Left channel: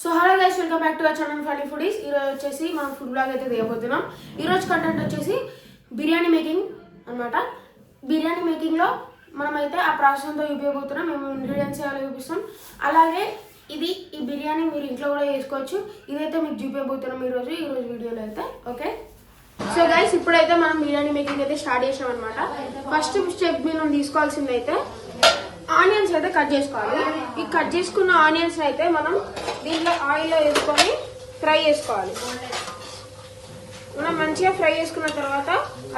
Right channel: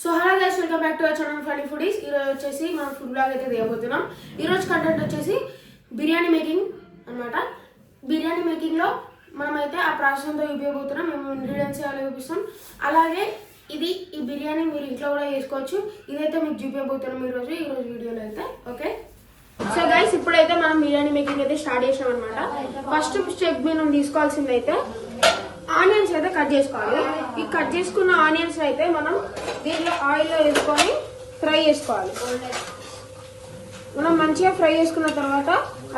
So hello guys, welcome back to our channel funny foodies. ఈరోజు వచ్చేసి మనం food blog అయితే తీయబోతున్నాం. ఈరోజు కంటెంట్ వచ్చేసి బిర్యానీ మేకింగ్ అనమాట. బిర్యానీ మేకింగ్లో మనమైతే ఆ ప్రాసెస్ అంతా చూపించబోతున్నాం. మేము ఇంగ్రీడియంట్స్ ఎలా చూపిస్తాం, అలాగే ఈ బిర్యానీ మీరు ఇంట్లో కూడా చేసుకోవచ్చు. ఇదైతే మీకు చూపించబోతున్నాం ఈరోజు వీడియోలో అయితే. ఓకే, సో గైస్ ఇప్పుడైతే మనం బిర్యానీ మేకింగ్ అయితే స్టార్ట్ చేసాం అనమాట. ఫస్ట్ స్టెప్ మనం తీసుకోవాల్సింది అయితే ఆనియన్స్ అయితే కట్ చేసుకోవాలి. ఈ కట్ చేసుకున్న ఆనియన్స్ అయితే మనం దీంట్లో ఆయిల్లో వేసుకొని ఫ్రై చేసుకోవాలి. మనం మంచిగా ఫ్రై చేసుకున్న తర్వాత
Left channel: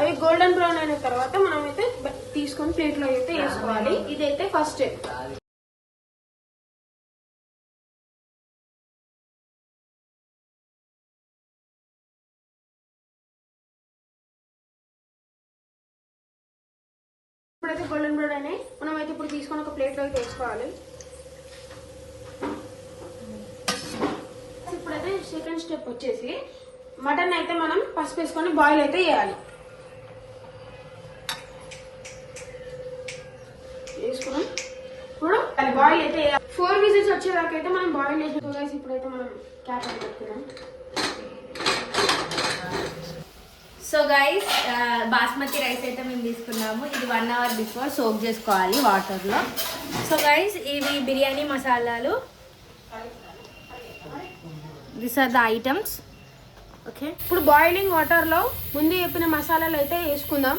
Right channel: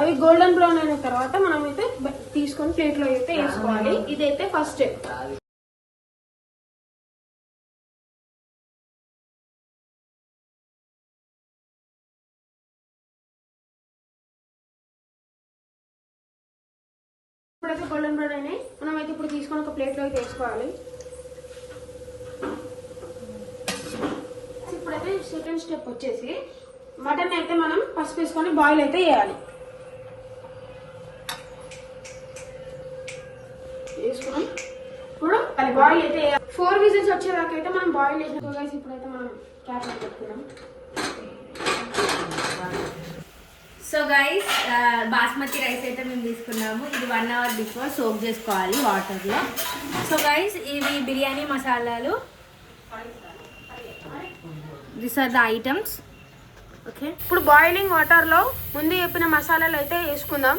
అవి గోల్డెన్ బ్రౌన్ అయిన తర్వాత మనం అయితే తీసుకొని ప్లేట్లో అయితే వేసుకోవాలి. ఇదైతే ఫస్ట్ స్టెప్. ఇప్పుడైతే గోల్డెన్ బ్రౌన్ అయినాయి. మనం అయితే ఇప్పుడు తీసుకొని ఒక ప్లేట్లో అయితే వేసుకోవాలి. ఇప్పుడైతే సెకండ్ స్టెప్ వచ్చేసి మటన్ అయితే మనం పసుపు వేసుకొని బాయిల్ అయితే వేయాలి. వేసుకున్నాం. ఇప్పుడు బాయిల్ అయితే 4 విజిల్స్ వచ్చేదాకా అయితే మనం బాయిల్ వేసుకోవాలి. ఇప్పుడైతే మనం క్యాప్ పెట్టుకున్నాం. సో గైస్, బాస్మతి రైస్ అయితే మేము తీసుకున్నాము. ఇది 1 అవర్ బిఫోర్ సోక్ చేసుకోవాలి వాటర్లో. సో గైస్, ఇవి బిర్యానీ మసాలాలు. This are the items. Okay, ఇప్పుడు బాయిలింగ్ వాటర్లో ముందు చెప్పిన మసాలాలు అయితే వేసుకుందాం.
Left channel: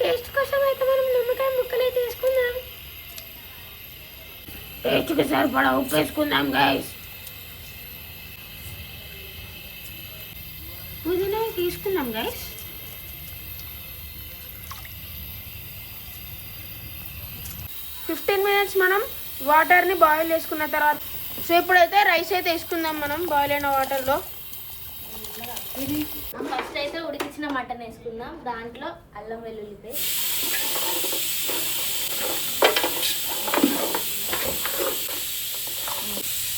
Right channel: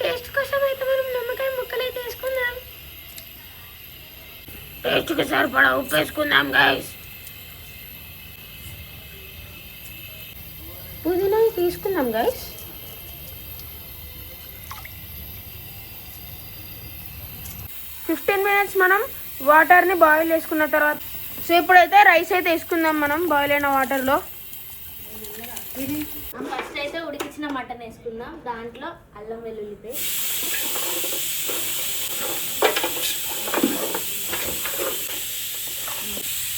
టేస్ట్ కోసం అయితే మనం నిమ్మకాయ ముక్కలు అయితే వేసుకుందాం. టేస్ట్కి సరిపడా ఉప్పు వేసుకుందాం గైస్. పుదీనా తీసుకుందాం గైస్. మినిట్స్ మనం వాటర్ని బాయిల్ చేసుకున్న తర్వాత సో ఇప్పుడైతే రైస్ అయితే వేసుకుందాం మనం బాయిల్ అయిన వాటర్లో. ఫస్ట్ అయితే ఉడికించిన మటన్ వేసుకుందాం. దాంట్లో అల్లం వెల్లుల్లి పేస్ట్,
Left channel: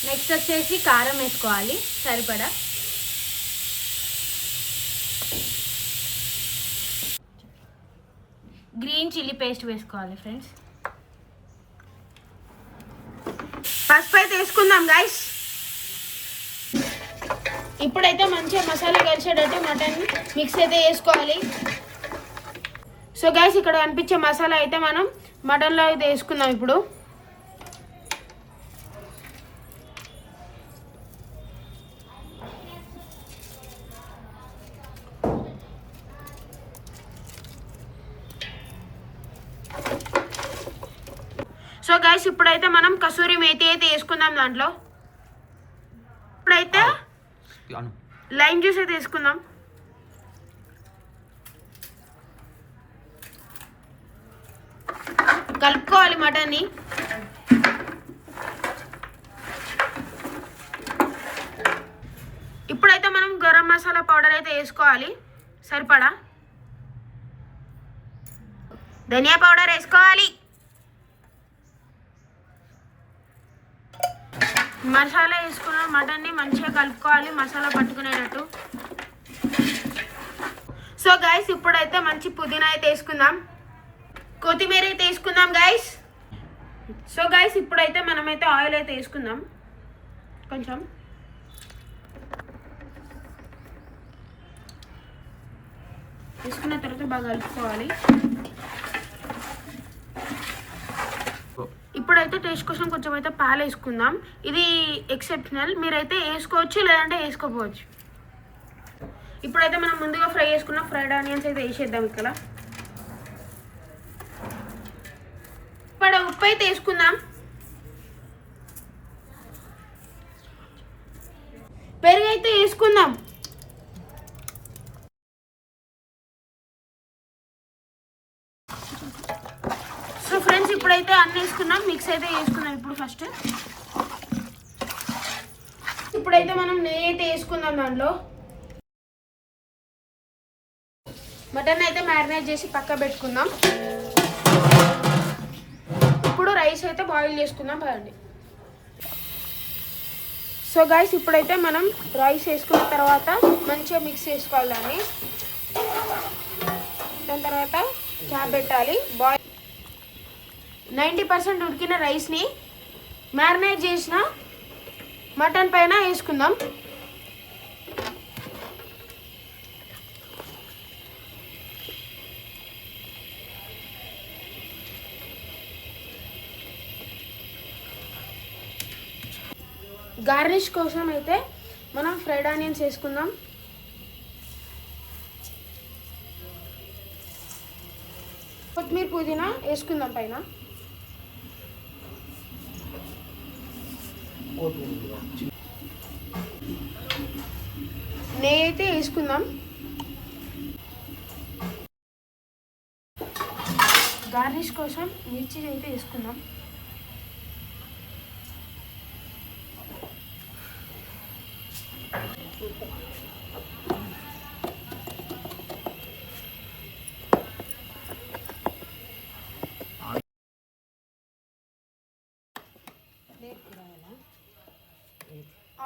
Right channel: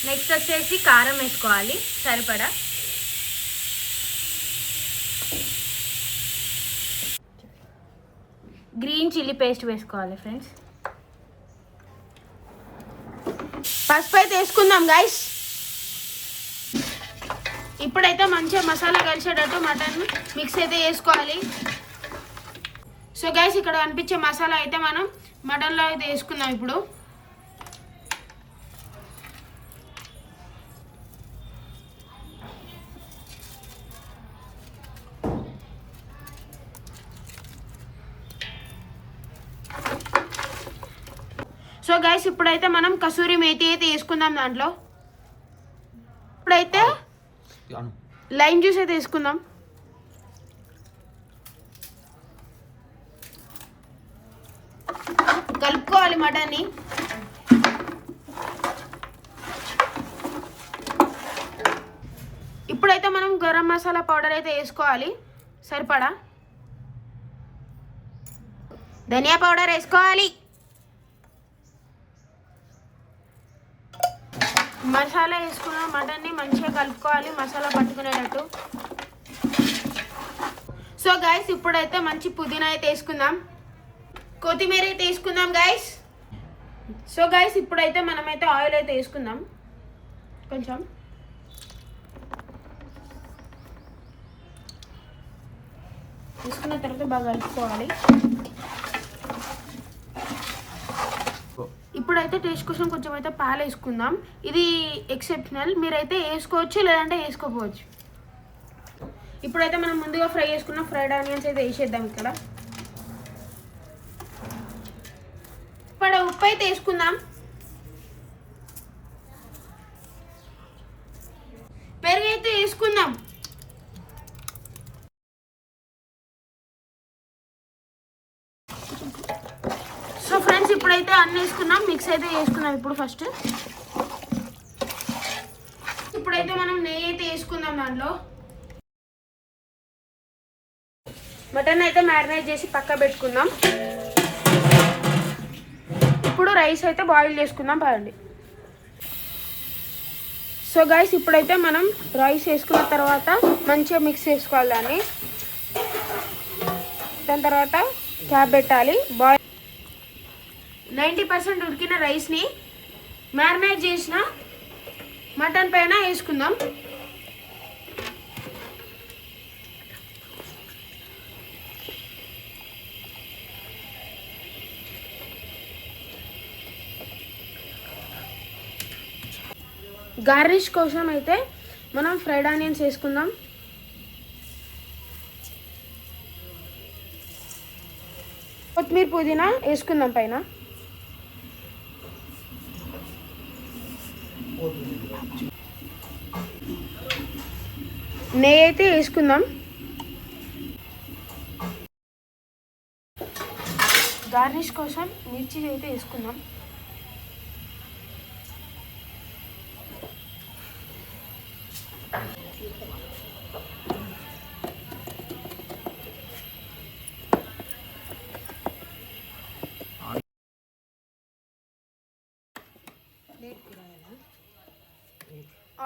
నెక్స్ట్ వచ్చేసి కారం వేసుకోవాలి సరిపడా. గ్రీన్ చిల్లీ పేస్ట్ వేసుకోవాలి ఫ్రెండ్స్. పసుపు అయితే వేసుకుందాం గైస్. ఇప్పుడైతే మంచిగా మసాలా కలిసేటట్టు మటన్ మిక్స్ అయితే వేసుకోవాలి. సో గైస్, ఇక్కడ కనిపించే మసాలా అయితే మనం మటన్లో అయితే వేసుకుందాం ఇప్పుడు. సో గైస్, ఇప్పుడైతే మనం కసూరి మేతి అయితే వేసుకుందాం దాంట్లో. ఇప్పుడైతే లైమ్ జ్యూస్ అయితే వేసుకుందాం. కలుపుకోవాలి మటన్ని. ఇప్పుడైతే మనం గరం మసాలా పౌడర్ అయితే వేసుకోవాలి సరిపడా. ధనియా పౌడర్ వేసుకోవాలి. మసాలా వేసుకున్న మటన్ని మంచిగా కలుపుకోవాలి, మసాలా పట్టుకునేటట్టు. సో గైస్, ఇప్పుడైతే మంచి పుదీనా అయితే వేసుకుందాం, కొత్తిమీర అయితే వేసుకుందాం గైస్. సో గైస్, ఇప్పుడైతే మనమైతే ఆయిల్ అయితే వేసుకుందాం కొంచెం. వేసుకున్న తర్వాత బాగా కలుపుకోవాలి. ఇప్పుడైతే టేస్ట్ కోసం కొంచెం అయితే పాలు వేసుకుందాం. ఇది ఎక్సెప్షనల్, మీరైతే వేసుకోవచ్చు లేదంటే వేసుకోపోవచ్చు. ఇప్పుడైతే మనం ముందుగా ఫ్రై చేసుకున్న ఫ్రైడ్ ఆనియన్స్ అయితే వేసేద్దాం. ఇక్కడ ఇప్పుడు ఉప్పు అయితే వేసుకుందాం. పెరుగు అయితే వేసుకుందాం. సో ఫ్రెండ్స్, ఇప్పుడైతే అన్నీ వేసుకున్నాం, మిక్స్ అయితే వేసుకున్నాం. ఇప్పుడైతే మనం నెయ్యి అయితే వేసుకుందాం దాంట్లో. మటన్ అయితే మ్యారినేట్ చేసి పక్క పెట్టుకుందాం. ఇప్పుడు రైస్ అయితే బాయిల్ చేసుకుందాం పదండి. సో గైస్, ఇప్పుడైతే మనం రైస్ వేసుకున్న తర్వాత మంచిగా మిక్స్ చేసుకోవాలి దాన్ని. దాని తర్వాత క్యాప్ పెట్టాలి. బాయిల్ 90% ఉడికిన రైస్ని మ్యారినేట్ చేసిన మటన్ పైన వేసుకుందాం. గార్నిష్ కోసం అయితే మనం ఫ్రైడ్ ఆనియన్స్ వేసుకుందాం. కొత్తిమీర పుదీనా వేసుకుందాం పైన. నెయ్యి అయితే వేసుకుందాం. గార్నిష్ కోసం మిర్చి అయితే వేసుకుందాం.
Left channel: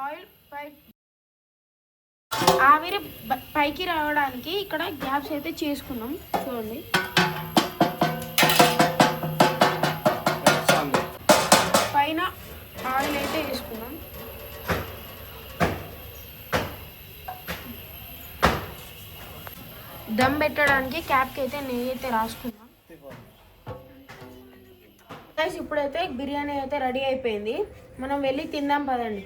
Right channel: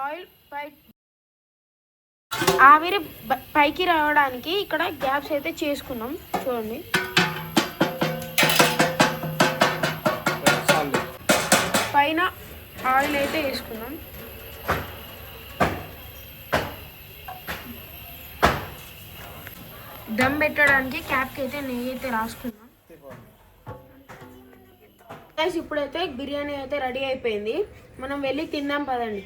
ఆయిల్ ఆవిరి పైకి రావడానికి ఇక్కడ గ్యాప్స్ అయితే చేసుకుందాం. చూడండి, పైన ఆయిల్ అయితే వేసుకుందాం. దమ్ పెట్టడానికి క్యాప్కి అయితే నెయ్యి అయితే రాసుకుందాం. గైస్ ఇప్పుడైతే బిర్యానీ అయితే రెడీ అయిపోయింది. మనం వెళ్ళి తిందాం పదండి.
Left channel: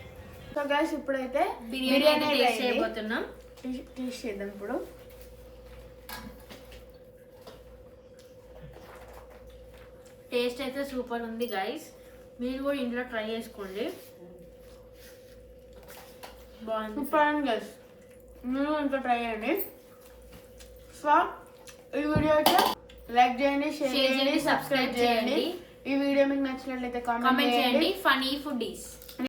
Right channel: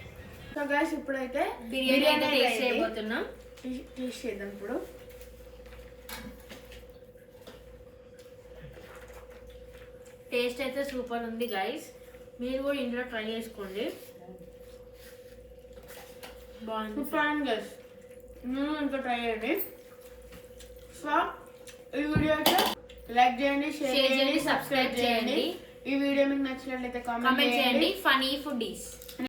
సో గైస్ ఇప్పుడైతే బిర్యానీ టేస్ట్ చేయబోతున్నాం. టేస్ట్ చేద్దాం ఇప్పుడు. టేస్ట్ అయితే సూపర్ ఉంది గైస్. మీరు కూడా ఇంట్లో ట్రై చేసుకోండి, బాగుంది. సూపర్ అండి గైస్, మీరు ఇంకా ట్రై చేయండి. సో ఈ వీడియో అయితే లైక్ చేయండి, షేర్ చేయండి, సబ్స్క్రైబ్ చేయండి. ఈ వీడియో మీకు నచ్చినట్లయితే కామెంట్ చేయండి. Funny foodies.